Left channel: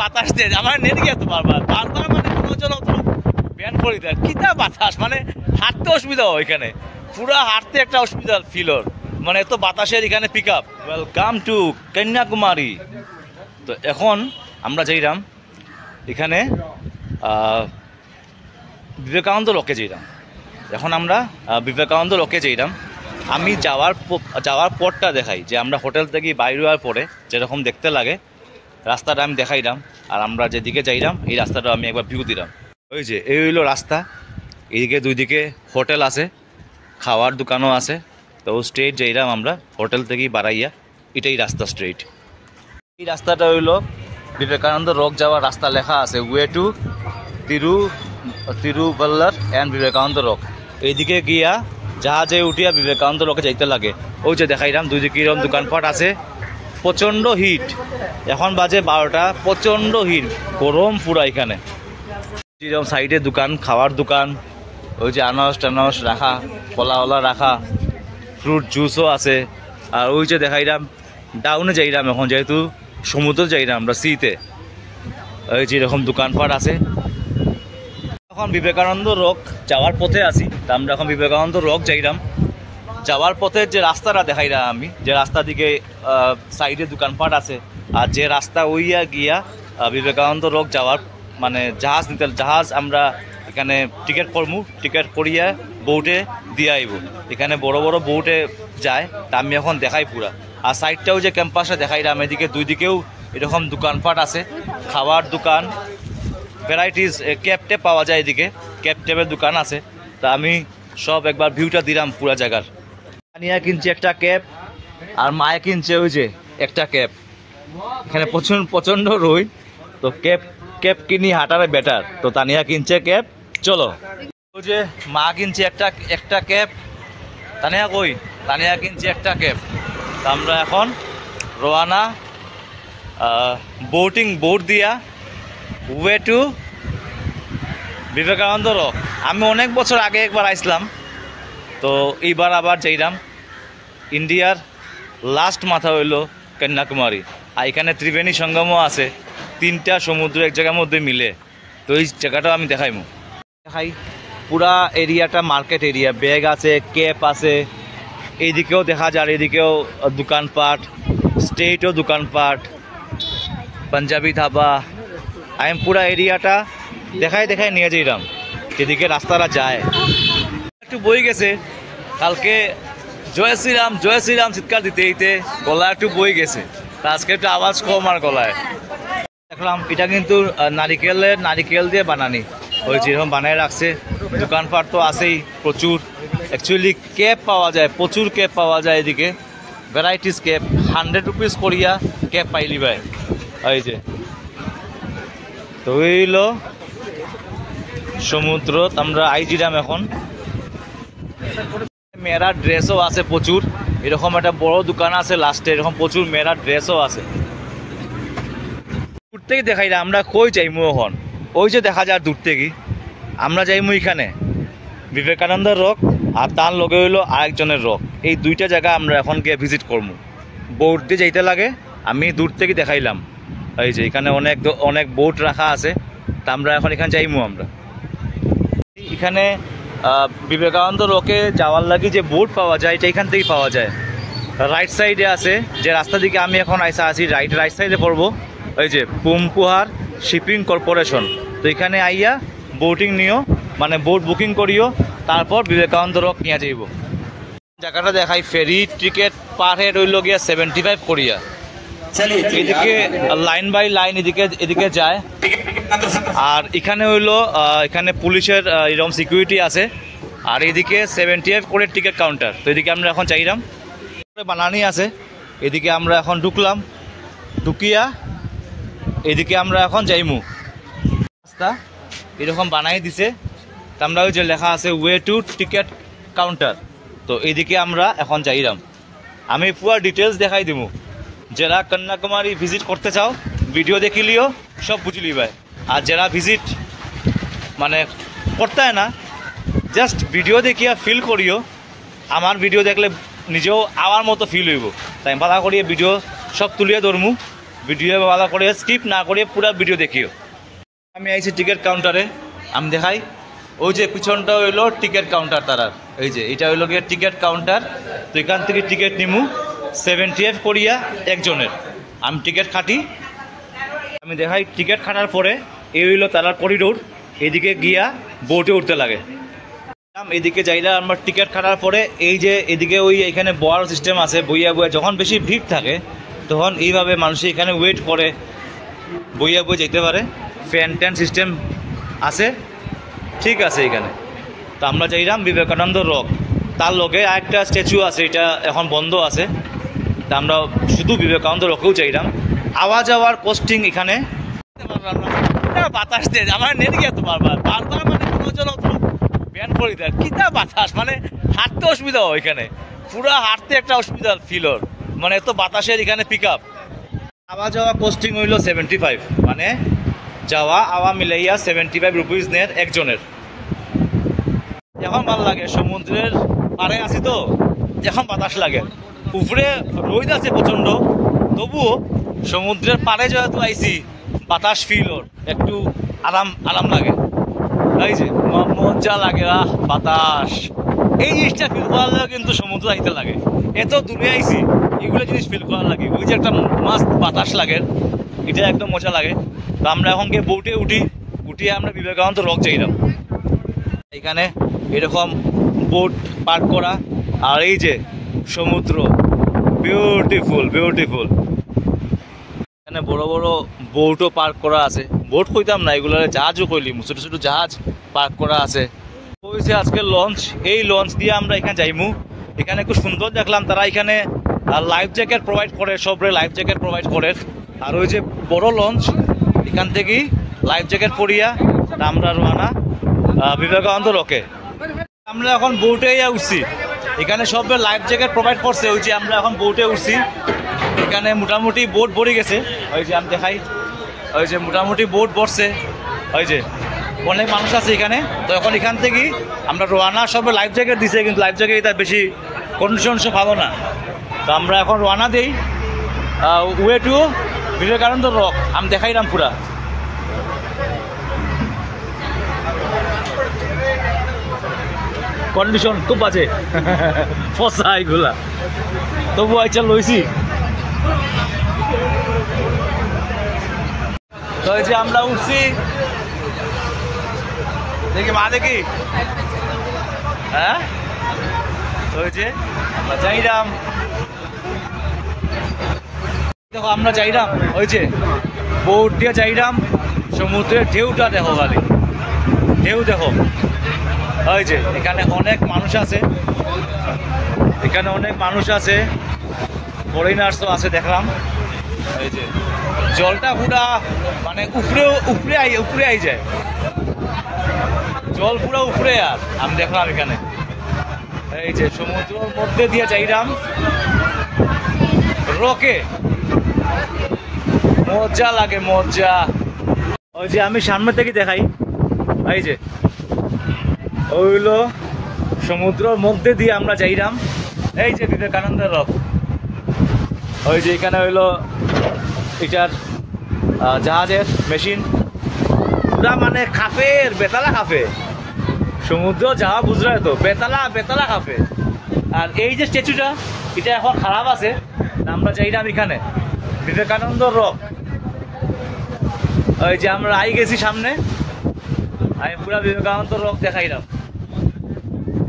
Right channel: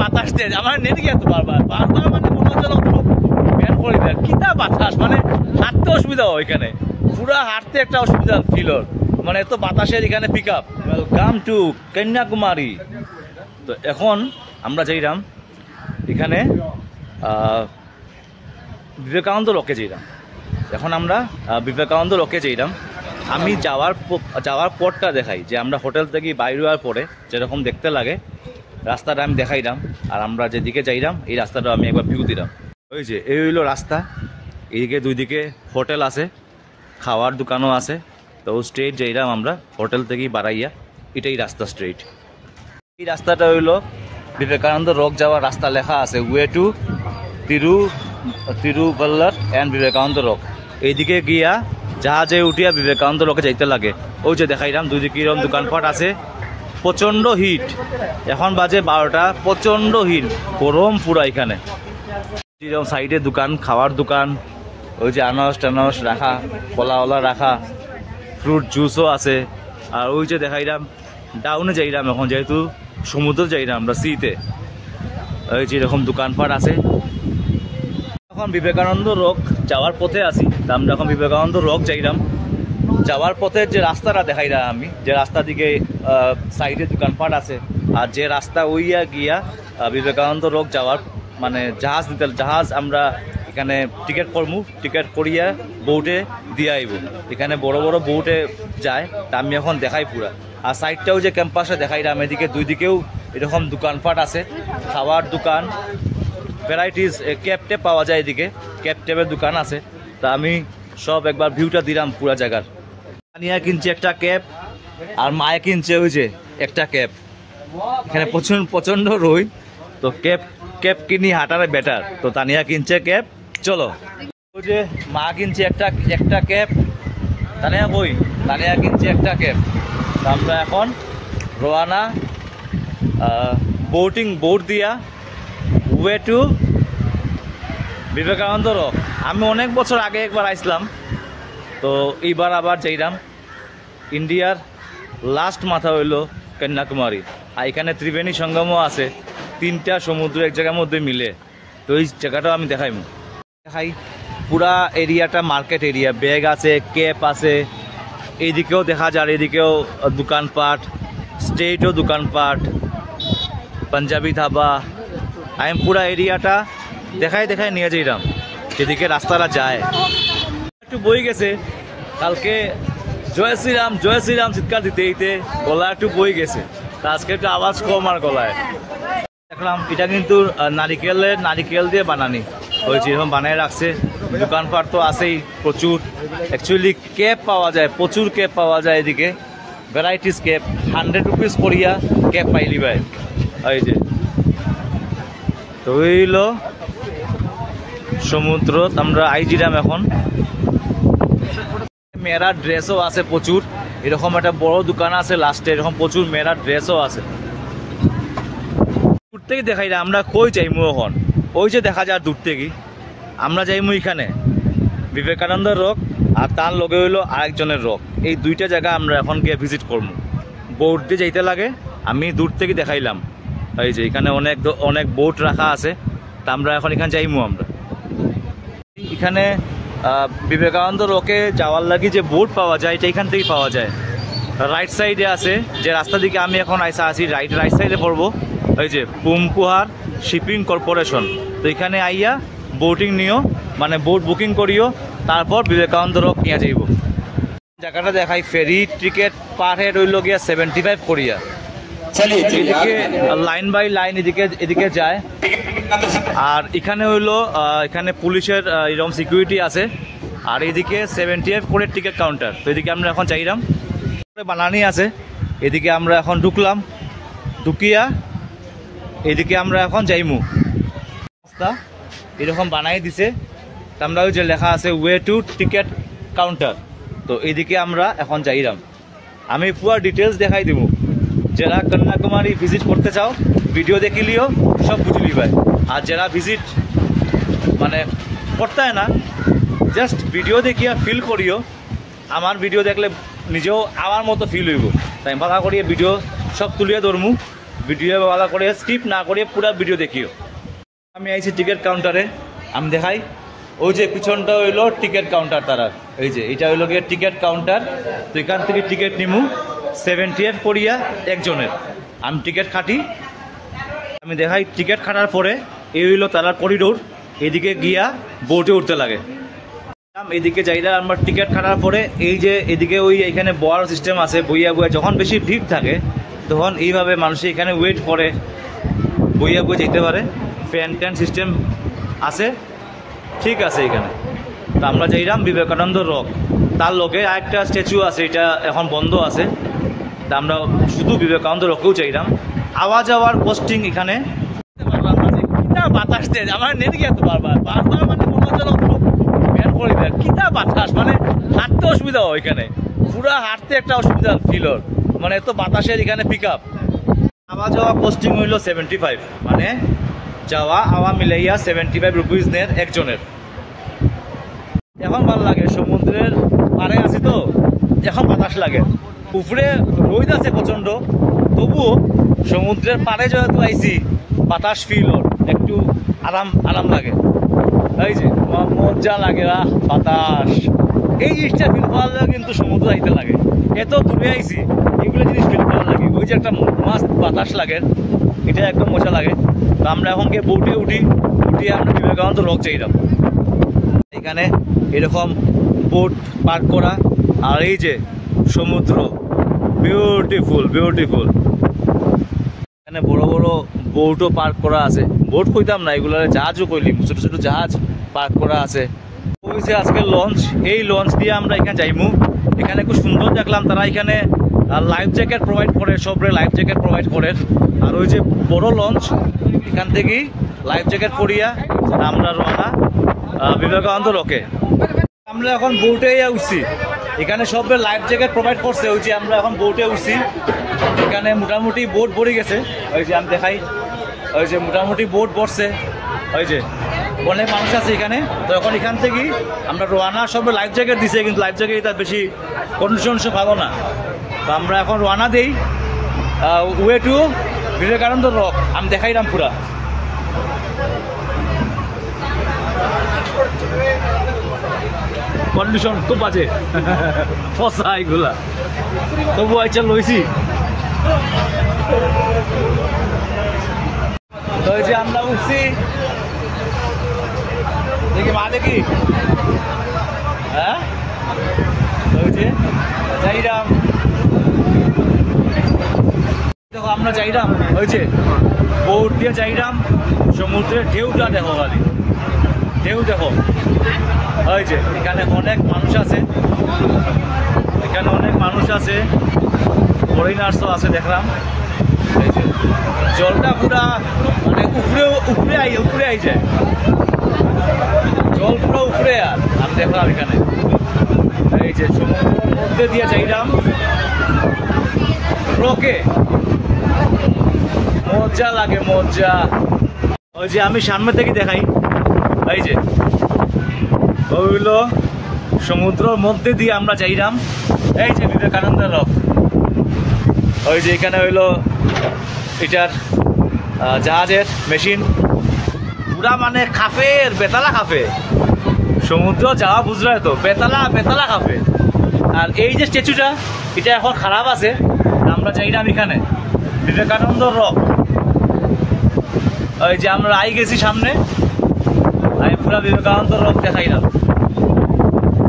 বাতাস দিয়ে আমার নেট গিয়ে বারবার বারবার মানে মনে হচ্ছে ব্যান করে দেয় কিতা বাতাস মানে হাঁটতে অসুবিধা হয় এখানে পুরো হাঁটতে একটা অসুবিধা ফিলর মানে এত বাতাসের এখানে pick up. Welcome to Kanyakumari. তো এখন আমরা যাইলাম এখানে বিবেকানন্দ রকে যাইলাম। এখন আমরা বিবেকানন্দ রকে যাইলাম। আমি যাওয়ার পরটা দেখাই যে আমরা হোটেল থেকে বাইরে হওয়ার পরে যেরকম দেখতে লাগে রাস্তাটা আমি দেখাইলাম। আর আমরা যেদিকে যাইলাম এই রাস্তাটা আমি একবার ভিউ দিলাম। ওই যে এই হইলো রাস্তা, এইদিকে দুই দিকে হোটেল আছে, খাওয়ার দোকানও আছে। তো স্ট্রেট যাইলাম আমরা হোটেল থেকেই বাড়াইয়া, এটাই রাস্তা স্ট্রেট। এই রাস্তাটা হইলো বিবেকানন্দ রক যাওয়ার রাস্তা, লেখা আছে way to Thiruvalluvar and Vivekananda rock. এইদিকে গিয়া জাহাজে উঠিয়া বিবেকানন্দ রকে যাইতে লাগে। ওই যে দেখাইলাম দুই দিকে এরকম দোকানপাট আছে, প্রচণ্ড হিট। এখন বাজে 12টা, প্রচণ্ড হিট, গরম পুরা এখানে। এরকম সাইডে দোকান, খাওয়ার দোকান, ওই যে আনারস টানারস রাখা, কলা রাখা, ফ্রুট জুসও আছে। আর ওই যে দেখাইলাম ডাউনে যাইলাম এখন, যেহেতু সমুদ্র যাইলাম আমরা সিতে, ওই যে এরকম দোকানপাট আছে। এখন বিবেকানন্দ রক যাওয়ার পথে আছি। তা আমরা এখন বিবেকানন্দ রক যাইলাম। যাওয়ার পথে যে রাস্তাটা দেখাইলাম আমি, যে রাস্তা দিকে সাইডে দোকানপাট আছে, আর যে রাস্তা ওইয়া গিয়া বিবেকানন্দ রক যাওয়ার মানে জাহাজ আমরা এখানে টিকিট করমু, টিকিট করিয়া বোটে দিয়ে আইব। এখানে বড় বড় বোটে যায়, তা আমি এখন দেখাই পুরা। আর সাইডটাও যে ক্যাম্পাসে দেখাইলাম, এদিকে দুই দিকেও এরকম দোকানপাট আছে, খাওয়ার দোকান, ভ্যারাইটিস ক্যাব টেপ পাওয়া যায়। এদিকে ক্যাব টেপের দোকান আছে। তা আমি সব একবার ভিউটা দিলাম পুরা জায়গার। তানিয়া কিনছে একটা ক্যাব, আর মায়ে কিনছে ওই যে একটা ক্যাব। এখানে প্রচণ্ড রোদ, তো ক্যাব কিনি হাঁটারে বেটার। তো তানিয়া কিনছে ক্যাব। চলো, ওই যে মা কিনছে একটা ক্যাব। তানিয়া কিনছে একটা ক্যাব। তো আমরা এখন রওনা বোট দিয়া ওয়ে টু বিবেকানন্দ রক। আমি অনেক বছর আগে একবার আসলাম, তো এইবার আবার যাইলাম। ইন্ডিয়ার লাস্ট মাথা হইল কন্যাকুমারী। আর এখানে ত্রিবেণী সঙ্গমও আছে, 3টা সমুদ্র এক জায়গার মধ্যে মিলে। তো এই জায়গাটাও আমি দেখাই পুরা এরিয়াটা মার্কেট এরিয়া, ব্যাগ আছে, ক্যাপ আছে, এইদিকেও দেখা যায়, এদিকেও দোকানপাট, স্টেটও দোকানপাট, পাঞ্জাবি ধাবা। আমি পুরা এরিয়াটা দেখাই নিয়ে যাইলাম যেদিকে রাস্তাটা যায়। একটু বই গেছে, কালকে জয় শ্রীরাম চিৎকার দিতে গলা একটু বই গেছে, তা আজকে একটু আওয়াজ কম আর গলায়। দেখলাম এটা কিন্তু নারিকেল দিয়ে বানানি, ওই যেরকম বানায় রাখছে। দোকানপাট তো আছেই প্রচুর। অ্যাকচুয়ালি ক্যাব পাওয়া যায়, প্রচুর ক্যাব পাওয়া যায় এদিকে, ভ্যারাইটিস ক্যাব। 100 রুপিস করিয়া ক্যাব পাইলি ভাই। ওই যে তো হইলো সমুদ্র, আমরা আইজিরাম এখন। মেয়েরা ড্রেসও আছে প্রচুর, এরকম একটা বড় দোকান আছে লাস্টে, এরকম প্রচুর মেয়েরা ড্রেসও আছে। দূর থেকে দেখাই না আমরা কই যাইমু এখন। ওই যে দেখা যায় দূর থেকে, আমরা যাইমু এখানে বিবেকানন্দ রক, আর তার লগে হইলো আরেকজনের রক। এই দুইটা জায়গা আমরা এখন গিয়ে ভিজিট করবো। বোট দিয়ে যাইতে লাগে, আমি দূর থেকে দেখাইলাম। এই যে এখানে অনেক বোট রাখা আছে, তা আমরা এখন এখানে যাইমু। আমরা এখানে বিবেকানন্দ রকে যাওয়ার লাগে যে বোট পাওয়া যায়, এটা এখান থেকেই পাওয়া যায়। রাইট সাইডে আছে, যে রাস্তা দিকে আমি এখন আছি রাইট সাইডে পড়বো, ওই যে পুমকুহার শিপিং কর্পোরেশন। তো এখানে আইয়া বোটিং নিও, মানে বোট বুকিং করিও, তারপর বিবেকানন্দ রক নিয়ে যাইব। জায়গাটা দেখাই, ফেরি টিকিট পার হেড হইল গিয়া 75 করিয়া। এদিকে লাইন বাই লাইন এদিকে যায়। আর এখানে হইলো এখানে পুলিশের এরকম সিকিউরিটি আছে। আর এদিকে 75 করে টিকিট কাউন্টার। তো এদিকে আমরা এখন চাইলাম বানানি আছে, এদিকে আমরা এখন ঢুকিয়া এদিকে আমরা এখন যাইমু। রাস্তা এরকম বানাই দিছে, আমরা ওই যে লেখা আছে ওয়ে টু টিকিট কাউন্টার। তো এদিকে আমরা এখন যাইলাম। আমি পুরো ডিটেলস দেখাই দিব। যারা কন্যাকুমারী ভিজিট করতে চাও ভিডিও দেখিলিও সব বুঝলি ভাই। আর যারা ভিজিট মানে করতে হয় না, জাস্ট ভিডিও দেখিয়া ফিল করিও। আমার ভিডিও দেখলে নিজেও আমার মতো ফিল হইব, তাই ভালো করিয়া ভিডিও সব তুলিয়া ধরমু। ভিডিও ভালো করে স্কিপ না করে পুরো ভিডিও দেখিও। আমি আইছি টিকিট কাউন্টারে, আমি দেখাই। ওই যে পিছনটা হইলো টিকিট কাউন্টার তারার, এই যে এটা হইলো গিয়ে টিকিট কাউন্টার। তো এখান থেকে টিকিট নিমু 75 করিয়া একজনের। আমি টিকিট কাটি, আমি দেখাই। টিকিট কাটার পরে এই হইলো তারার করিডোর, এদিকে গিয়া বোটে উঠতে লাগে। এদিকে যাইরা আমার টিকিট কাটার পরে এই যে এদিকে ওই এখানে বয়ার সিস্টেম আছে, বইয়া বইয়া যখন বেশি ভিড় থাকে তখন এইভাবে মানুষ এখানে ওয়েট করে বইয়া বইয়া যেতে পারে। ফ্যান ট্যান সিস্টেম আছে, ঠিক আছে এখানে। তো আমরা যাইলাম বিবেকানন্দ রক, তার লগে আরেকটা স্ট্যাচু আছে, এটা এখন বন্ধ আছে। তা আমরা শুধু বিবেকানন্দ রকেও চাইলাম। আওয়া যাওয়ার কস্টিং এখানে বাতাস দেয় আমার নেট গিয়ে তো বারবার বারবার মানে ব্যান করে দেয় কিতা বাতাস, মানে হাঁটতে অসুবিধা হয় এখানে, পুরা হাঁটতে একটা অসুবিধা ফিল হয়, মানে এত বাতাসের এখানে পিক আপ। আওয়া যাওয়া কস্টিং হইল 75, মানে যাওয়া আওয়া মিলাইয়া 75 রুপিস নেন একজনের। এখন ভালো লাগে, সমুদ্রের পাড়ে আছি তো এখন বাতাস লাগে, উপরে রোদ আছে প্রচন্ড, তবুও সমুদ্রের পাড়ে যেহেতু আইছি বাতাস ফিল ওর একটু আরাম আরাম লাগে। এই যে মজা লাগে, বাতাস, এই জিনিসটা ফিল করার লাগে কিন্তু সমুদ্র আইতে লাগে। এত দূরে আইছি এগুলো জিনিস ফিল করার লাগে, ওই যে একটা মাস্ত বাতাস লাগে, এটা একদম মজা লাগে। তো আমরা এখন গিয়ে বোটে উঠিয়ে আমরা বিবেকানন্দ রক যাইলাম। এখানে এরকম বোট পার্ক করা, আর এই যে সমুদ্র, বিউটিফুল বিউটিফুল। এখানে বড় বড় বোটও পার্ক করা আছে, বোট কইতাম না, এগুলো জাহাজও কইলি, ছোট ছোট জাহাজ পার্ক করা আছে। হয়েছে আজকের লঞ্চ, এই লঞ্চ দিয়ে আমরা এখানে যাইমু। এখানে খুব সুন্দর দেখলাম, তারা এখানে লাইফ জ্যাকেট প্রোভাইড করে, সবরে লাইফ জ্যাকেট প্রোভাইড করে। আর ওই যে বড় লঞ্চ, এখান থেকে লাইফ জ্যাকেট পরিয়া আমরা রওনা বিবেকানন্দ রকে। আমরা এখন বোটে উঠছি, এখানে সব লাইফ জ্যাকেট প্রোভাইড করছে। ওই যে আমরা এখন বোটে উঠছি, এখানে মোটামুটি বোট ভরে গেছে, ওই যে আমি দেখাই, ওই যে মোটামুটি বোট ভরছে, ওই যে অনেক মানুষ আছে এখানে। তো এখন এখান থেকে আমরা রওনা, সব লাইফ জ্যাকেট দিছে, কিন্তু লাইফ জ্যাকেট তার বেশি কন্ডিশন ভালো না। তো আমরা এখন রওনা দিই ওয়ে টু বিবেকানন্দ রক। আমি দেখাইলাম পুরা, কন্ডিশন খুব বাজে ফসা এগুলা, তবু আইচা লইছি। তো এই যে আমরা উঠছি, দেখি মা দেখি, হ্যাঁ তো ওই যে যাইরাম, দেখো আমরা যাইরাম, ওই যে বোট দিয়ে যাইরাম, সমুদ্রের ঢেউটা দেখো, খালি ঢেউ দেখো। ওই যে এখানে অনেক মানুষ আছে, এখানে অনেক মানুষ আছে, ফরেনার্সও আছে দেখলাম। এই যে জলটা পুরা মানে উপরে আই যায়, জল পুরো উপরে। আর আমি দেখলাম এখানে এই যে সমুদ্রের মধ্যে দিয়ে যাইলাম রকে, মজা লাগে মজা। ওই যে আমি সামনে থেকে দেখাই, এই যে ওইগুলো সমুদ্রের মধ্যে দিয়ে আমরা যাইলাম, এই যে বিবেকানন্দ রক। ওই যে এখানে হইলো এটার জাহাজের মেশিন, পুরা মানে খাফের বেতালা খাফে, সমুদ্র যাওয়া বুঝলে তো বেতালা বেতালা খাফে। আর এই যে স্ট্যাচুটা, এটা এখন খারাপ আছে, আমরা যাইলাম এখানে বিবেকানন্দ রক। ওই যে আমরা আই গেছি সামনে, আমি পুরা বিবেকানন্দ রক দেখাইলাম।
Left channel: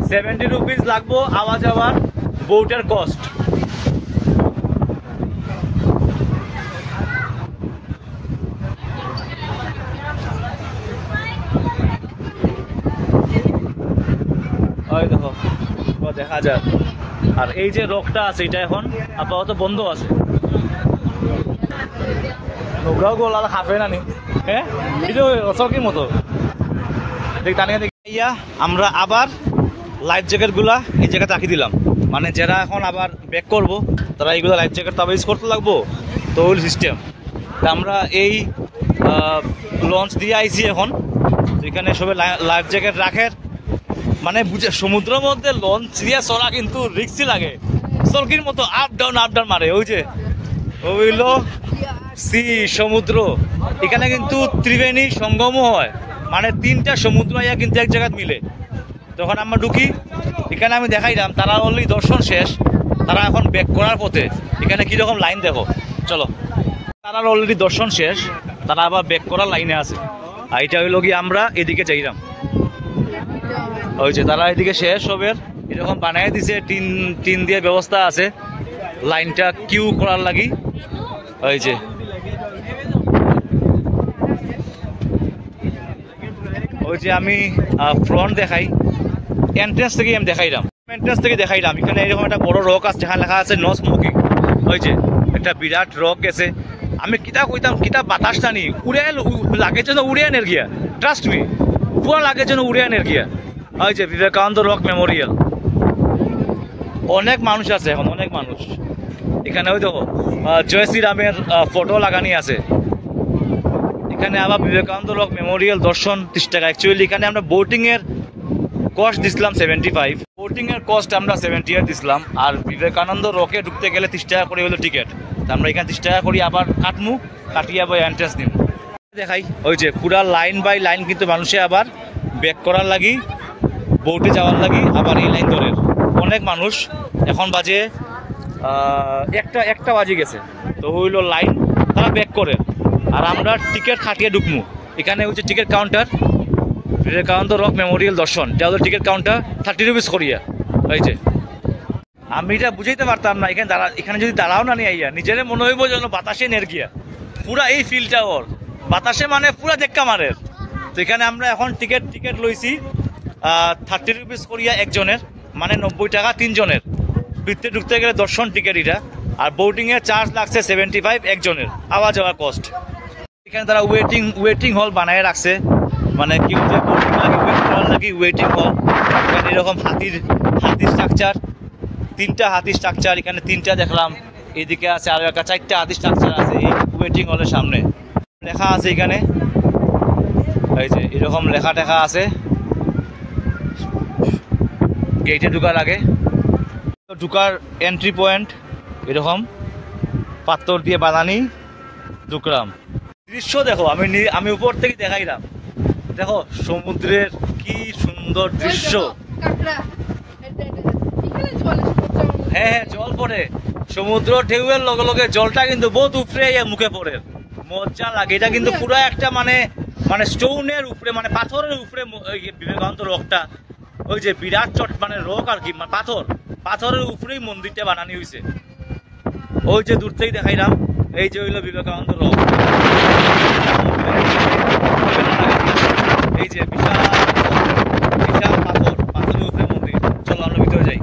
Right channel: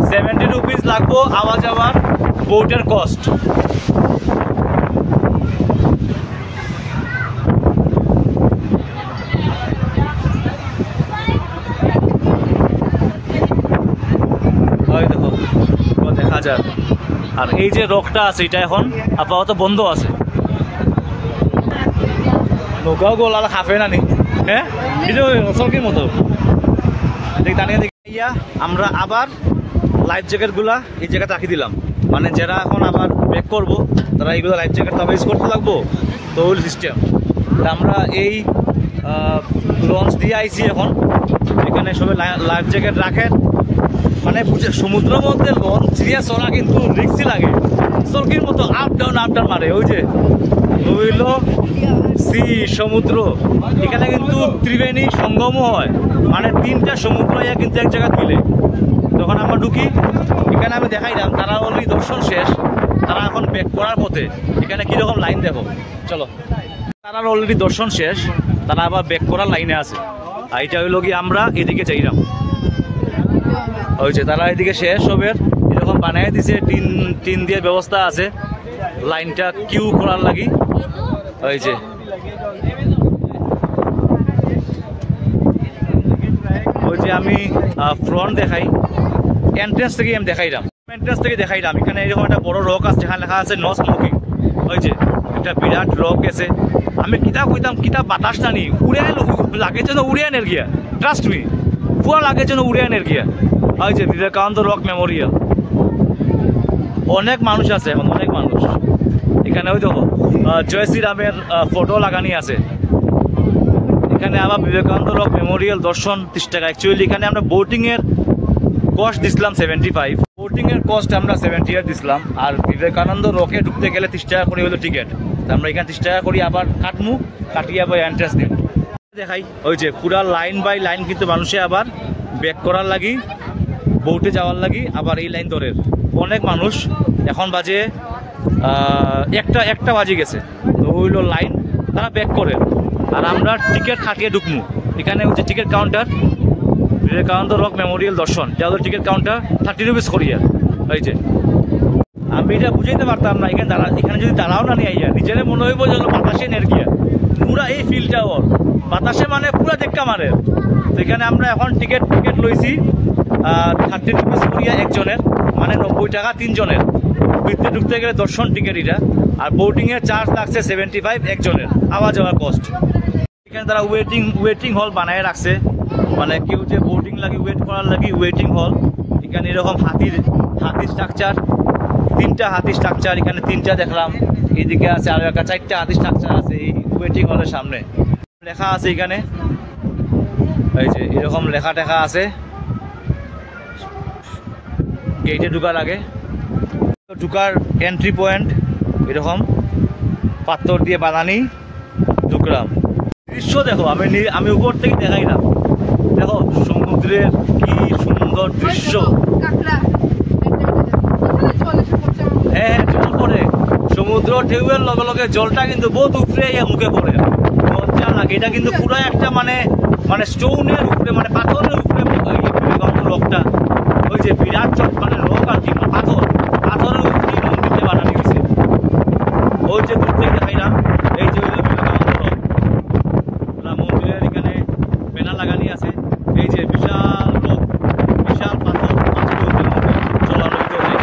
70 রুপিস লাগবো আওয়া যাওয়ার বোটের কস্ট। ওই দেখো দেখা যায়। আর এই যে রকটা আছে, এটা এখন আপাতত বন্ধ আছে। নৌকাও গোল আর খাফে না নি, হ্যাঁ এটা অসলকির মতো দেখ। ইয়া আমরা আবার লাইফ জ্যাকেটগুলা এই জায়গায় রাখি দিলাম, মানে যারা এখন আবার ব্যাক করবো তারা এইগুলো লাইফ জ্যাকেট তো আবার ইউজ করতে লাগবো, তো ওই সিস্টেম। তা আমরা এই লঞ্চ দিয়ে আইছি এখন, এখানে সবাই লাইফ জ্যাকেট রাখে। মানে বুঝে সমুদ্রের মধ্যে লঞ্চ দিয়ে চলা কিন্তু রিক্সি লাগে, চলকির মতো আপ ডাউন মারে। ওই যে হইলো সি সমুদ্র, এখানে কিন্তু ত্রিবেণী সঙ্গমও হয়, মানে তিনটা সমুদ্র ইয়া কিন্তু এক জায়গায় মিলে। যখন আমরা ঢুকি এখানে আমি দেখাইলাম তারা অলরেডি দর্শন শেষ, তারা এখন ব্যাক করার পথে। এখানে কীরকম লাইন দেখো, চলো। তারা অলরেডি দর্শন শেষ, তারা আবার ব্যাক করার লাইনে আছে। আর এটা হইল কি আমরা এদিকে চাইলাম, ওই যে তারা এদিকে শেষ হবে এরকম বানিয়ে দিছে, টিন দিয়ে ব্যবস্থা আছে লাইনটা কিউ করার লাগি। ওই যে ওই যে আমি ফ্রন্ট দেখাই, এন্ট্রেন্স থেকে আমি দেখাইলাম, এন্ট্রেন্স থেকে দেখাইলাম। এখানে এরকম একটা বড় রক আছে যেখানে লেখা আছে নো স্মোকিং। ওই যে একটা বিরাট রক আছে, আমি কিতাব কইতাম কিতাব বাতাস টানি উড়ে লাগে যেন উড়িয়ানের গিয়া, ট্রাস্ট মি পুরা লাগে যেন উড়িয়ানের গিয়া। ওই যে বিবেকানন্দ রক মেমোরিয়াল, অনেক মানুষ আছে এখন, অনেক মানুষ এখানে। ওই দেখো জয় শ্রীরামের ফটো লাগানি আছে এখানে। আবার বিবেকানন্দ রক মেমোরিয়াল দর্শন 30 টাকা। অ্যাকচুয়ালি এখানে আমরা বোটিংয়ের কস্ট দিছিলাম 75, বোটিংয়ের কস্ট আমরা 70 দিছিলাম। আর বিবেকানন্দ রকে ঢুকতে গেলে 30 টাকা করে হলো টিকিট। আমরা এখানে 30 টাকা করি আবার কাটমু, কাটিয়ে আবার এন্ট্রেন্স দিব দেখাই। ওই যে পুরা লাইন বাই লাইন কিন্তু মানুষে আবার ব্যাক করার লাগি, বোটে যাওয়ার লাগি আবার এই লাইন ধরে অনেক মানুষ। এখন বাজে একটা বাজে গেছে, তো ওইলো লাইন তারা ব্যাক করে। আর আমরা টিকিট খাটিয়ে ঢুকমু। এখানে হচ্ছে ticket counter, Vivekananda rock Memorial দর্শন, যা হলো টিকিট কাউন্টার 30 রুপিস করিয়া। ওই যে আমি এটা বুঝাইতে পারতাম না, এখানে যদি দাঁড়াও না নিয়ে আইয়া নিজের মনে হইব যেন বাতাসে নের গিয়া, পুরা এই ফিল্ডটা ওর বাতাসে মানে পুরা দেখা মারে। তো এখানে আমরা এখন টিকিট লইছি 30 রুপিস করিয়া একজনের, মানে 90 টাকা 3 জনের। ভিতরে ঢুকতে গেলে দর্শন টিকিট এটা, আর বোটিংয়ের চার্জ লাগছে 75 একজনের, আওয়া যাওয়ার কস্ট। এখানে তারা ওয়েটিং হল বানায় রাখছে, মানে কি হচ্ছে বোটিং লাগে ওয়েট করার লাগি ওয়েটিং হল। এখানে এরকম হাতির স্ট্রাকচার, 3টা হাতির স্ট্রাকচার এখানে 3টা দেখলাম। এইদিকে আছে আরো একটা 4টা হাতির স্ট্রাকচার আছে এই ওয়েটিং হলের সামনে। লেখা আছে এখানে, এই যে এরকম লেখা টেখা আছে গেটে ঢুকার আগে। ঢুকার এন্ট্রি পয়েন্ট এরকম পাথর দিয়ে বানানি। ঢুকলাম, দৃশ্য দেখো, আমি উপর থেকে দেখাইলাম, দেখো সমুদ্রের কি সুন্দর দৃশ্য। হ্যাঁ জল পড়ে, সমুদ্র ঢেউয়ের লগে লগে জলটা কিন্তু বহুত উপরে মুখে পড়ে, মজা লাগে। এটা কিন্তু পুরো একটা মানে স্টোনের উপরে, মানে পাথরের উপরে বিবেকানন্দ রকটা। ওই যে বিরাট মানে রক আর কি, পাথরের উপরেই মন্দিরটা বানানো হয়েছে। ওই যে দূর থেকে দেখাইলাম, এই যে হইল বিবেকানন্দ রক। এই যে বিশাল পাথরের উপরে চলানো ভিতরে যাই।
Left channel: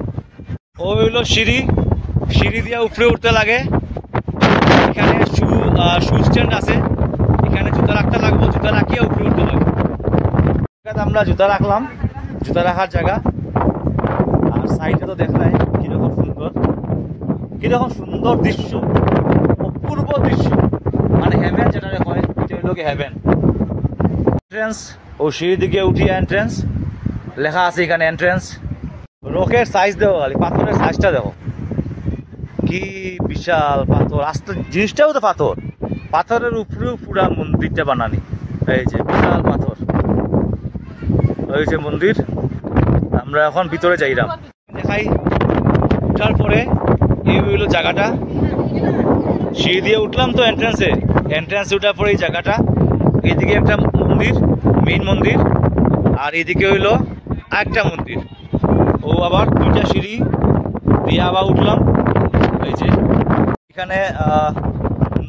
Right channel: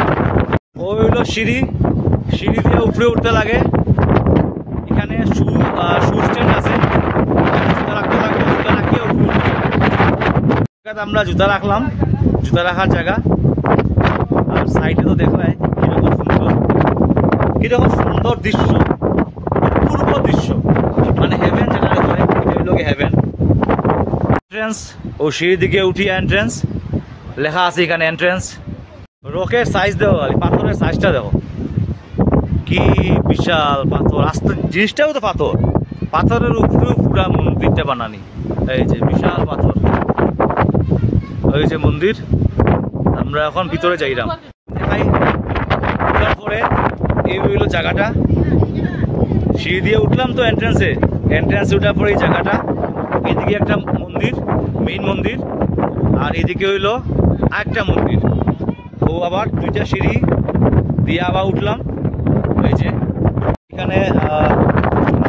ও হইল সিঁড়ি দিয়ে উপরে উঠতে লাগে। এখানে শু স্ট্যান্ড আছে, এখানে জুতা রাখতে লাগবে, জুতা রাখিয়ে উপরে উঠতে লাগে। আমরা জুতা রাখলাম, জুতা রাখার জায়গা। আর সাইডে তো দেখলাই কিরকম সুন্দর দৃশ্য, অপূর্ব দৃশ্য, মানে হেভেন যেটা হয়, এটা হইল হেভেন। এন্ট্রেন্স ও সিঁড়ি দিকে উঠিয়ে এন্ট্রেন্স লেখা আছে এখানে এন্ট্রেন্স। রকের সাইজ দেখো, পাথরের সাইজটা দেখো কি বিশাল পাথর। আস্তে জিনিসটাও তো পাথরের উপরেও পুরা মন্দিরটা বানানি। এই যে বিশাল পাথর, ওই যে মন্দির। আমরা এখন ভিতরে যাইলাম, দেখাই। উঠার পরে এই হইল জায়গাটা, সিঁড়ি দিয়ে উঠলাম তো এন্ট্রান্সে উঠার পরে এই জায়গাটা। এইদিকে একটা মন্দির, মেইন মন্দির, আর এদিকে হইল আরেকটা মন্দির। ও আবার 2টা সিঁড়ি দিয়ে আবার উঠলাম। এই যে এখানে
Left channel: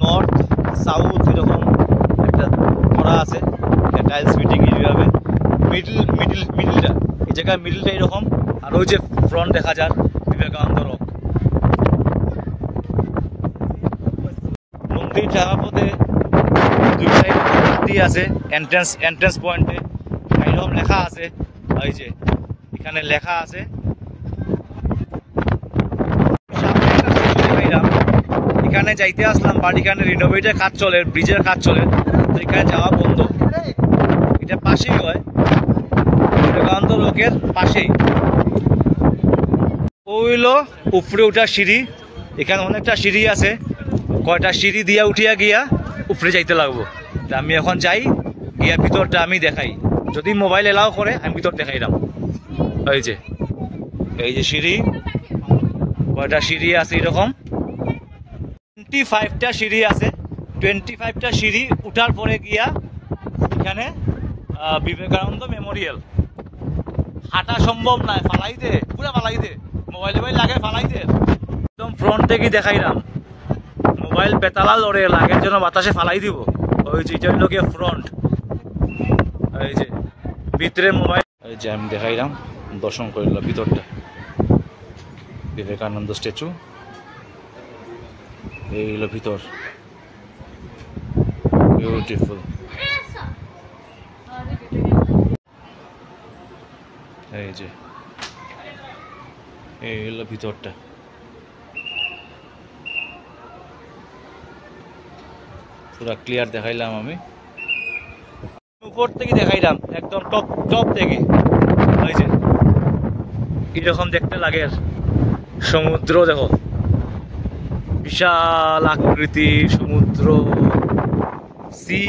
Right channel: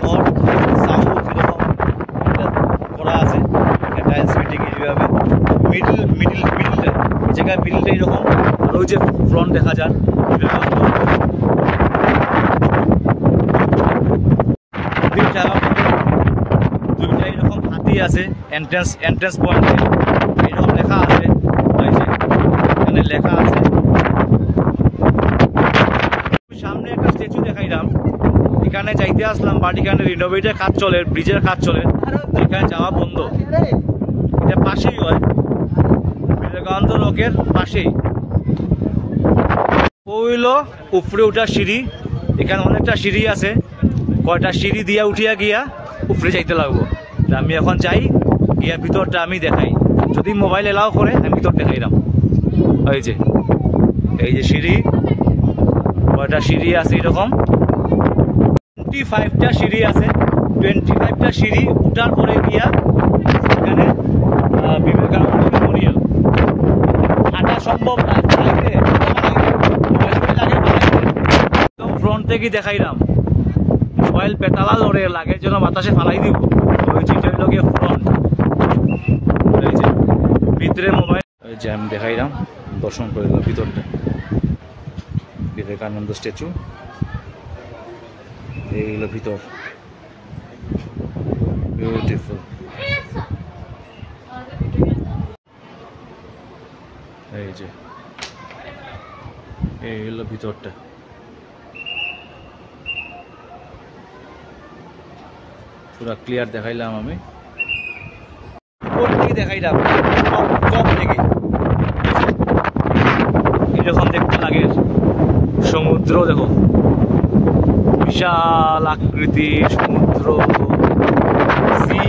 নর্থ সাউথ এরকম একটা করা আছে, টাইলস ফিটিং এইভাবে। মিডিলটা এই জায়গায় মিডিলটা এরকম। আর ওই যে ফ্রন্ট দেখা যায় বিবেকানন্দ মন্দির। যাওয়ার পথে 2 সাইড হাতি আছে, এন্ট্রেন্স পয়েন্টে এইরকম লেখা আছে। ওই যে এখানে লেখা আছে। সামনে একটা স্টেশন দেখাইলাম, এখানে যাইতে আসলাম, বাট এখানে রিনোভেটের কাজ চলে, ব্রিজের কাজ চলে, তো এখানে যাওয়া বন্ধ। এটা পাশেই হয়, বিবেকানন্দ রকের পাশেই। ওইল উপরে উঠার সিঁড়ি, এখানে অনেকটা সিঁড়ি আছে, কয়টা সিঁড়ি দিয়া উঠিয়া গিয়া উপরে যাইতে লাগবো। আমি এখন যাই, গিয়া ভিতরটা আমি দেখাই, যদি মোবাইল এলাও করে আমি ভিতর দেখাইলাম। এই যে সিঁড়ি, কয়টা সিঁড়ি আছে এরকম 25টা সিঁড়ি আছে। 25টা সিঁড়ি উঠার পরে গিয়া এখানে বিবেকানন্দ মেমোরিয়াল। হাঁটা সম্ভব না, ফালাইতে মোবাইল লাগে ফালাইতে। একদম ফ্রন্ট থেকে দেখাইলাম, মোবাইল পেতালা লড়ে লাগের জন্য বাতাসে ফালাই দিব। ওই যে লোকে ফ্রন্ট, এই যে ভিতরে মোবাইল, এই যে আমি দেখাইলাম, দর্শন করিলাম ভিতরটা। বিবেকানন্দ স্ট্যাচু, এই হলো ভিতর, বিউটিফুল। এই যে এই হলো ভিতরটা, পুরা ক্লিয়ার দেখাইলাম আমি। উপর থেকে দেখাইলাম, টপ থেকে। এই যে এরকম দেখতে লাগে, সমুদ্র দেখো, বিশাল আকৃতির সমুদ্র, সি।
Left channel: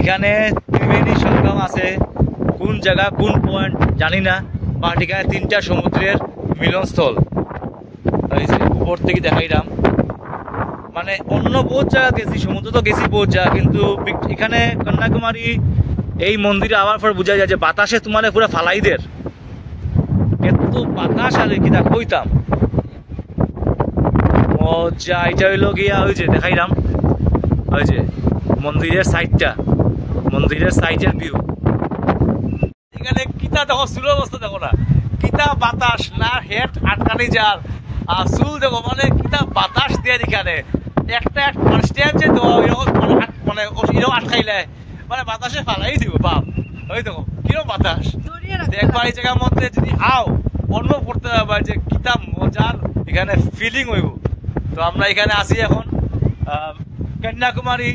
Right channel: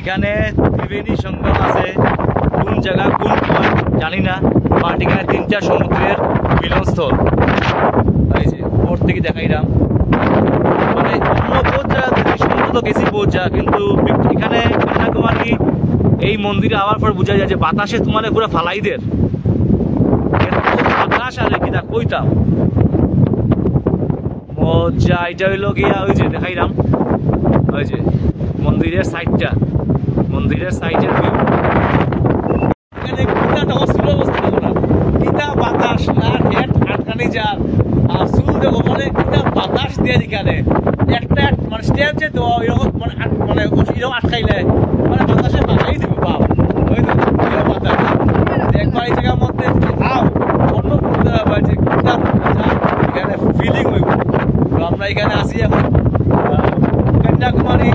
এখানে ত্রিবেণী সঙ্গম আছে, কোন জায়গা কোন পয়েন্ট জানি না, বাট এখানে 3টা সমুদ্রের মিলনস্থল। এই যে উপর থেকে দেখাইলাম, মানে অন্য বহুত জায়গা গেছি, সমুদ্র তো গেছি বহুত জায়গা, কিন্তু এখানে কন্যাকুমারী এই মন্দিরে আবার পর বোঝা যায় যে বাতাসে তোমার পুরো ফালাইদের এত বাতাস, আর কি তা কইতাম মজা। এটা হইলো গিয়া ওই যে দেখাইলাম, ওই যে মন্দিরের সাইডটা, মন্দিরের সাইডের ভিউ। এখানে কিতা দেখো, চুল অবস্থা দেখো না, কিতা বাতাস না, হেড আটকানি যার আর চুল দেখো, মানে কিতা বাতাস দিয়ে এখানে একটা মানে স্টেপ যে মানে এরকম আটকাইলে মানে বাতাসে বাড়াই দিব বাপ। ওই তো এরকম বাতাস একবার এই জায়গার মধ্যে যদি আও অনুভব করতে হবে যে কিতা মজা এখানে ফিলিং হইব। তো আমরা এখানে আসি এখন কন্যাকুমারী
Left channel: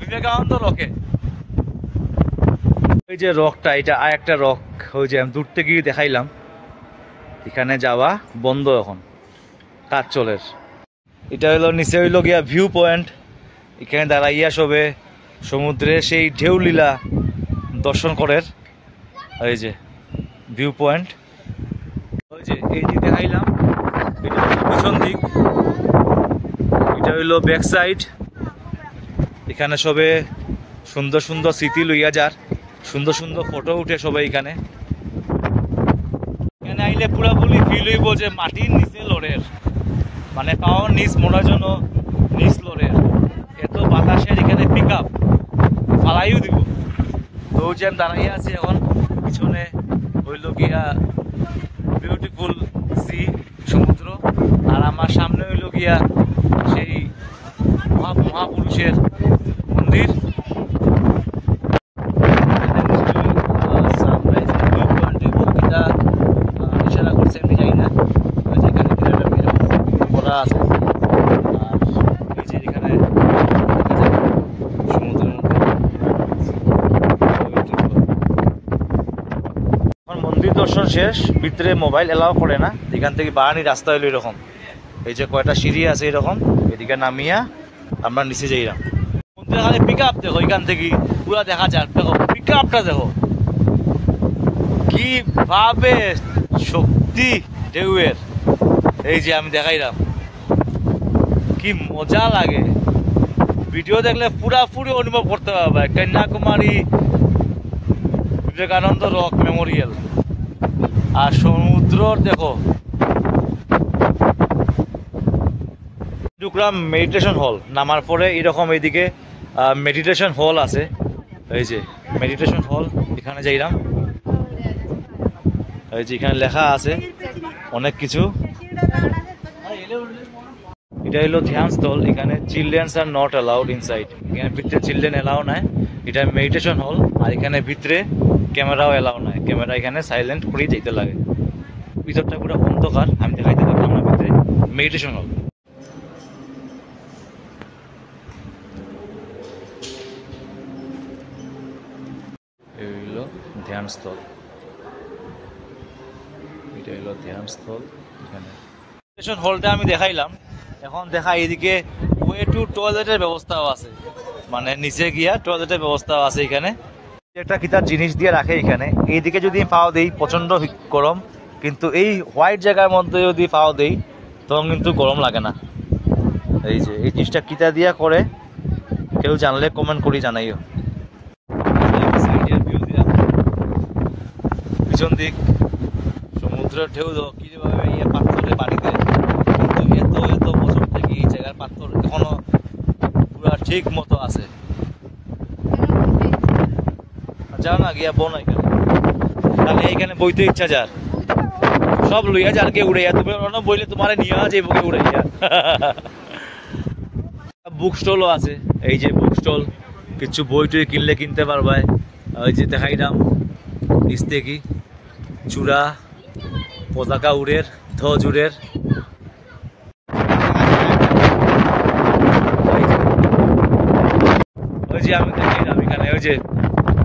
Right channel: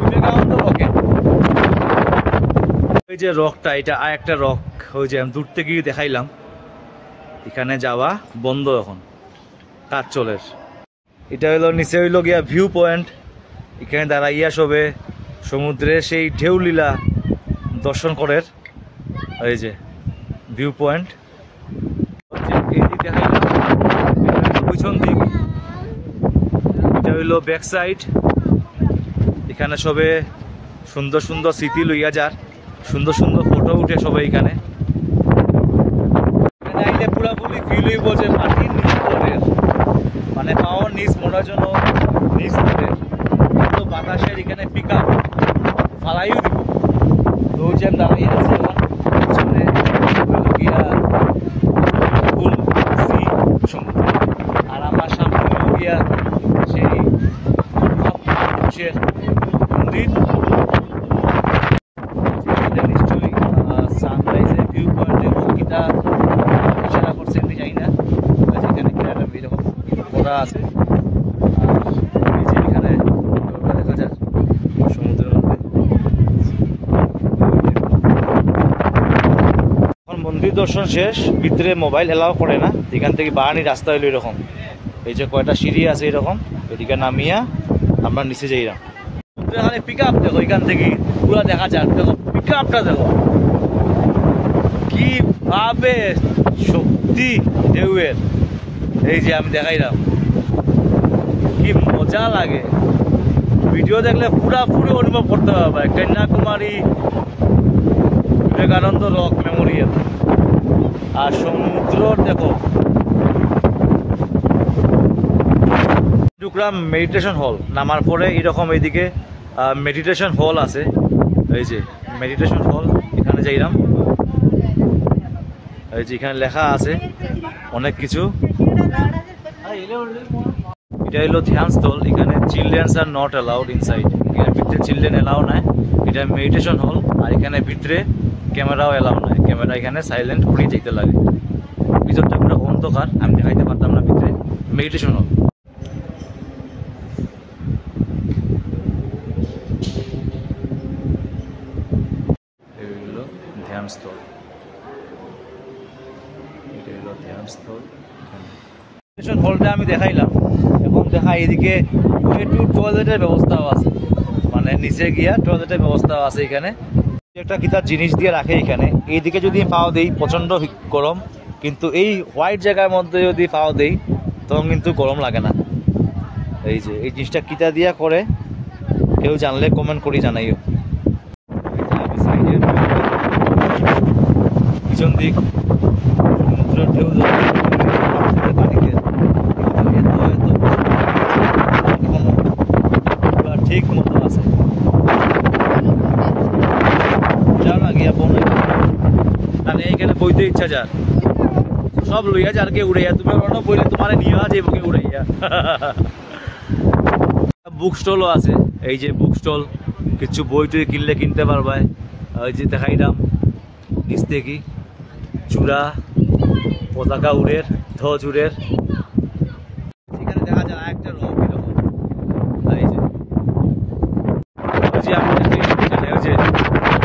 বিবেকানন্দ রকে। ওই যে রকটা, এটা আর একটা রক, ওই যে আমি দূর থেকে দেখাইলাম। এখানে যাওয়া বন্ধ এখন, কাজ চলের। এটা হইলো নিচে হইলো গিয়া ভিউ পয়েন্ট, এখানে দাঁড়াইয়া সবে সমুদ্রে সেই ঢেউলীলা দর্শন করের। এই যে ভিউ পয়েন্ট, এই যে দেখাইলাম, এটা পিছন দিক, এটা হইলো ব্যাক সাইড। এখানে সবে সুন্দর সুন্দর স্মৃতি লইয়া যার, সুন্দর সুন্দর ফটো উঠে সবাই এখানে। এখানে আইলে পুরাপুরি ফিল হইব যে মাটির নিচে লড়ের, মানে পাওয়ার নিচ মরার জন্য নিচ লড়ের, কিন্তু বাতাসের এখানে পিক আপ ফালাইও দিব। তো যে আমি দাঁড়াইয়া আছি এখন, পিছনে হইল গিয়া বিউটিফুল সি, সমুদ্র, আর আমার সামনে হইল গিয়া সেই মহাপুরুষের মন্দির। নিশ্চয়ই সানরাইজের ভিউ পয়েন্টের বক্তৃতা ইশারা করছে, আমি যাই না, যেখানে এরকম করা আছে। আর এই যে এখানে দেখা যায় সমুদ্রের মধ্যে। এখন মন্দির দর্শন শেষ, ভিতরে মোবাইল এলাও করে না, এখান থেকে বাহানি রাস্তা হইলো এরকম। এই যে কয়টা সিঁড়ি আছে এরকম, এদিকে নামিয়া আমরা নিচে যাইলাম। খালি পিক আপ দেখো, এখান থেকে পুরা দেখা যাক, দেখো পিক আপটা দেখো কি ভাবে শক্তি ঢেউয়ের। এই যে আমি দেখাইলাম, কি মজা লাগে, ভিডিও দেখলে পুরাপুরি অনুভব করতে পারবে। কন্যাকুমারী বিবেকানন্দ রক মেমোরিয়াল আর সমুদ্র দেখো। টুকরা মেডিটেশন হল, নামার পরে এরকম এইদিকে মেডিটেশন হল আছে। এই যে মেডিটেশন হল, এখানে যাইলাম। এই যে এখানে লেখা আছে অনেক কিছু। এটা হলো ধ্যানস্থল, এখানে children's are not allowed inside, এখানে ভিতরে চিলড্রেন এলাও নাই। এটা মেডিটেশন হল, আর এখানে ভিতরে ক্যামেরাও এলাও নাই, ক্যামেরা এখানে সাইলেন্ট করে যেতে লাগে। ভিতরটা পুরো অন্ধকার, আমি দেখাইতে পারলাম না ভিতরে। মেডিটেশন হল, এই হলো ধ্যানস্থল, এটা হলো ধ্যানস্থল। এখানে হলটা আমি দেখাইলাম, এখন দেখা এইদিকে ওয়ে টু টয়লেটের ব্যবস্থাও আছে, মানে নিচে গিয়া টয়লেটের ব্যবস্থাও আছে এখানে। একটা কিতার জিনিস দিয়ে রাখে এখানে। এইদিকে যদি পাও দেই প্রচণ্ড গরম, কিন্তু এই হোয়াইট জায়গার মধ্যে যদি পাও দেই তখন কিন্তু গরম লাগে না। এই যে এই জিনিসটা কিতা দিয়া করে কেউ জানলে কমেন্ট করি জানাইও। পিছন দিক সমুদ্রের ঢেউ পাথরের পানিতে এত এত বছর এখনো পুরো ঠিক মতো আছে। যা না গিয়া বোন তাহলে এইখানে বইতে ইচ্ছা যার সব লইয়া যার কে উড়াইয়া, তুমি বইলে তোমার নিয়ে যাইব কে উড়াইয়া। বুক স্টলও আছে, এই যে বুক স্টল, কিছু বই টই কিনলে কিনতে পারবাই। ওই যে দেখাইলাম নিচ থেকে চূড়া, পতাকা উড়ের, ধ্বজ উড়ের। ওই যে আমি এখানে ওই যে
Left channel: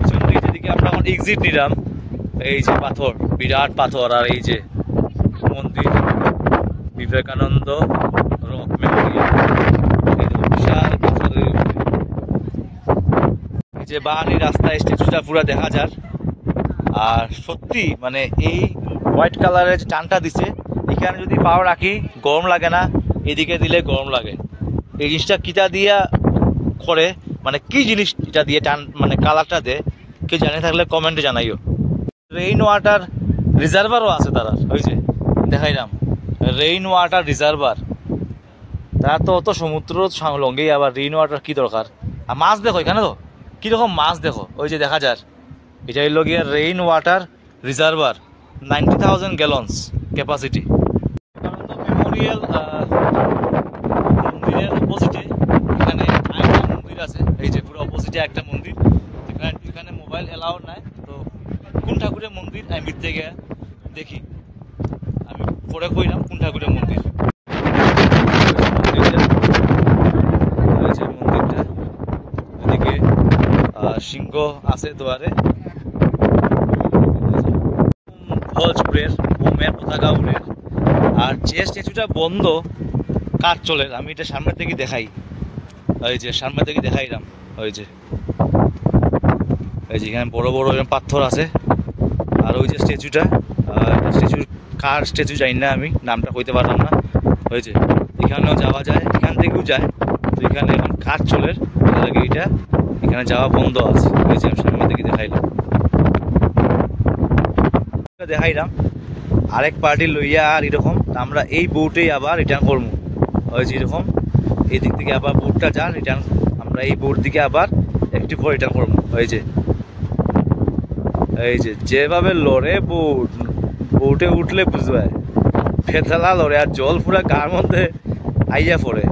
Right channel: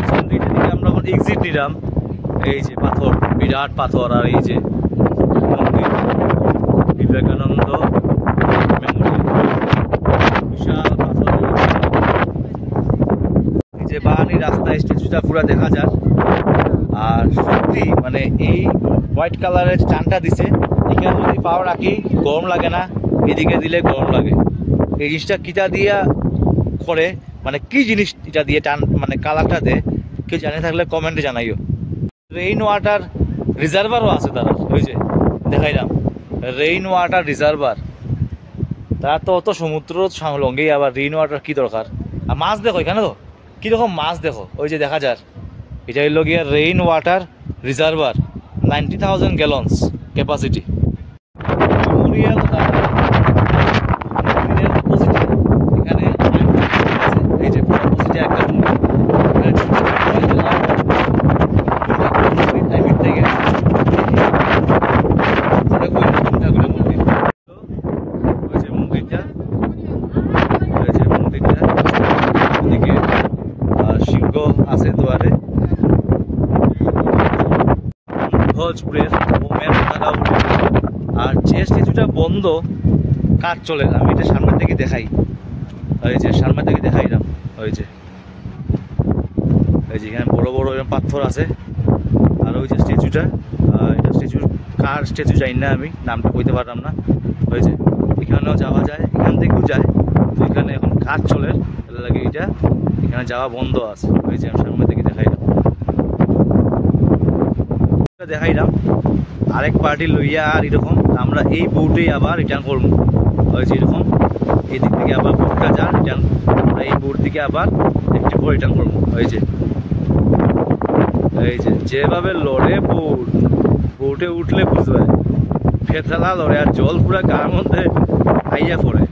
সন্ধ্যের দিকে আমরা এখন এক্সিট নিলাম, এই যে পাথর, বিরাট পাথর, আর এই যে মন্দির বিবেকানন্দ যে বাহানি রাস্তায় স্ট্যাচুটা পুরো দেখা যায়। আর সত্যি মানে এই হোয়াইট কালারের টানটা দিছে, এখানে যদি পাও রাখি গরম লাগে না, এদিকে দিলে গরম লাগে। এই জিনিসটা কিটা দিয়া করে, মানে কি জিনিস এটা দিয়ে টান মানে কালারটা দেয়, কেউ জানে থাকলে কমেন্টে জানাইও। রেইন ওয়াটার রিজার্ভারও আছে তারা, ওই যে দেখাইলাম রেইন ওয়াটার রিজার্ভার। তারা তো অত সমুদ্র লঙ্গেই আবার রেইন ওয়াটার কি দরকার। আর মাছ দেখো এখানে, তো কীরকম মাছ দেখো, ওই যে দেখা যায়। এটা হইল গিয়া rain water reservoir, 90,000 gallons capacity. Memorial অপোজিটে এখানে আছে, এই যে অপোজিটে একটা মন্দির, কোন ঠাকুরের মন্দির আমি থেকে দেখি পরে কই না কোন ঠাকুরের মন্দির। মন্দিরটা ওদিকে সিংহ আছে দুয়ারে, ধ্বজপুরের বোমের পতাকা উঠে। আর যে স্ট্যাচুটা বন্ধ কাজ চলে, আমি এটা সামনের থেকে দেখাই, ওই যে সামনের থেকে দেখাইলাম, ওই যে এখানে বড় বড় পাথর আছে। আর ওই যে স্ট্যাচুটা, স্ট্যাচুর কার স্ট্যাচু যাই না, আমি নামটা কইতে পারলাম না। ওই যে এখানেও যাওয়া যায়, এখান থেকেও যায়, তো এখানে এখন কাজ চলে, লাগে এইটা এখানে যাওয়া বন্ধ আছে। ওই যে আমি সামনে থেকে দেখাইলাম আরেক পার্টি লইয়া, আর এরকম আমরা এই বোটেই আবার রিটার্ন করবো। ওই যে এরকম এই দিক থেকে আবার বোটটা যা রিটার্ন, আমরা এই বোট দিকে আবার একটু পর রিটার্ন করবো। এই যে যেভাবে লড়ে বোট, বোটে উঠলে বুঝবে ফেতলা লড়ে, আর জল পুরা গার মধ্যে আইয়া পড়ে।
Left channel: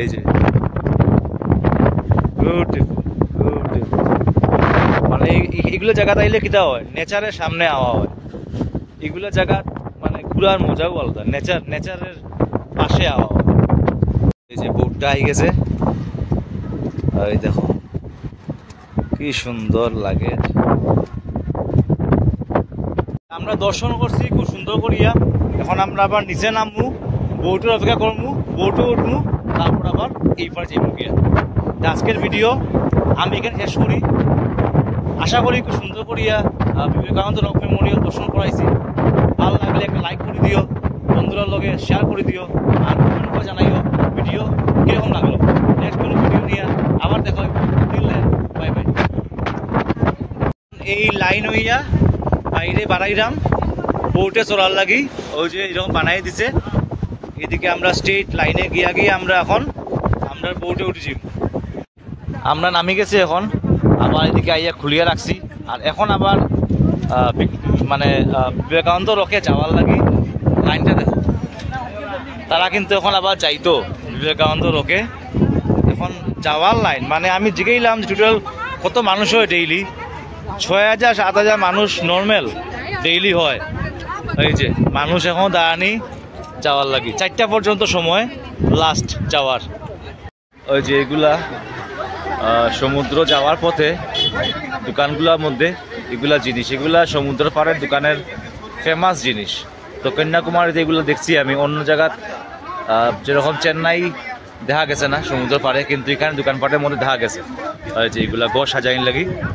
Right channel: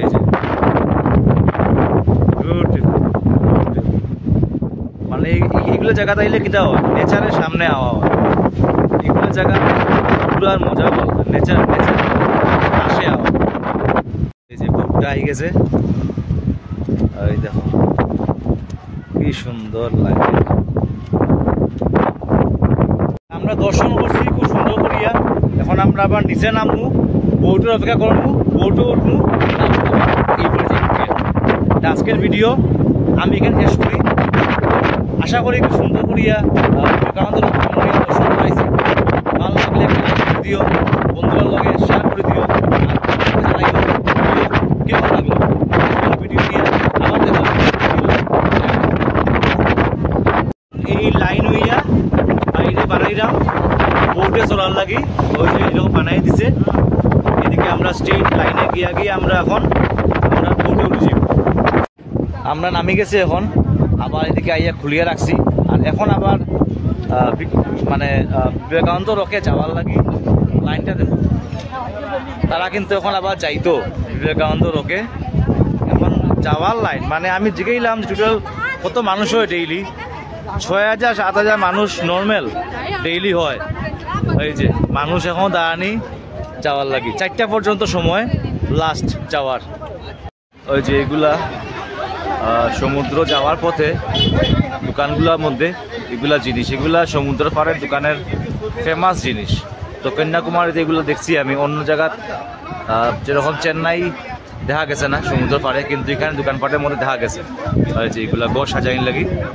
এই যে মানে এগুলো জায়গা তাইলে কিতা হয়, নেচারের সামনে আওয়া হয়। এগুলো জায়গা পুরো আর মজা বলতো, নেচারের পাশে আওয়া। এই যে বোটটা আই গেছে, এই দেখো কি সুন্দর লাগে। আমরা দর্শন করছি খুব সুন্দর করিয়া। এখন আমরা আবার নিচে নামবো, বোটের অপেক্ষা করবো, বোটও উঠবো, তারপর আবার এই পর্যায়ে। আজকের ভিডিও আমি এখানে শেষ করি। আশা করি খুব সুন্দর করিয়া বিবেকানন্দ মেমোরিয়াল দর্শন করাইছি। ভালো লাগলে একটা লাইক করে দিও, বন্ধুদের লগে শেয়ার করে দিও, আর জানাইও কেমন লাগলো। ভিডিও নিয়ে আবার দেখা এই লাইন হইয়া বাইরে বানাইলাম বোটে চলার লাগি। ওই যে এরকম বানাই দিছে, এদিকে আমরা স্ট্রেট লাইনে গিয়ে আমরা এখন আমরা বোটে উঠেছি। আমরা নামি গেছি, এখন আবার এদিকে আইয়া খুলিয়া রাখছি। আর এখন আবার মানে বিবেকানন্দ রকে যাওয়ার লাগি লাইনটা দেখো, তারা কিন্তু এখন আবার যাইতো বিবেকানন্দ রকে। এখন যাওয়ার লাইন মানে আমি জিগাইলাম টোটাল কত মানুষ হয় ডেইলি, 6,000-7,000 মানুষ নর্মাল ডেইলি হয়। এই যে মানুষ এখন দাঁড়ানি যাওয়ার লাগি, 4টা পর্যন্ত সময় লাস্ট যাওয়ার। ওই যে এগুলা সমুদ্র যাওয়ার পথে দোকানগুলোর মধ্যে এগুলা জিনিস, এগুলা সমুদ্র পাড়ের দোকানের ফেমাস জিনিস। তো কন্যাকুমারীতে এগুলো দেখছি আমি, অন্য জায়গাত যেরকম চেন্নাই দেখা গেছে না সমুদ্র পাড়ে, কিন্তু এখানে দোকানপাটের মধ্যে দেখা গেছে আর যে এগুলা গো সাজাইন লাগি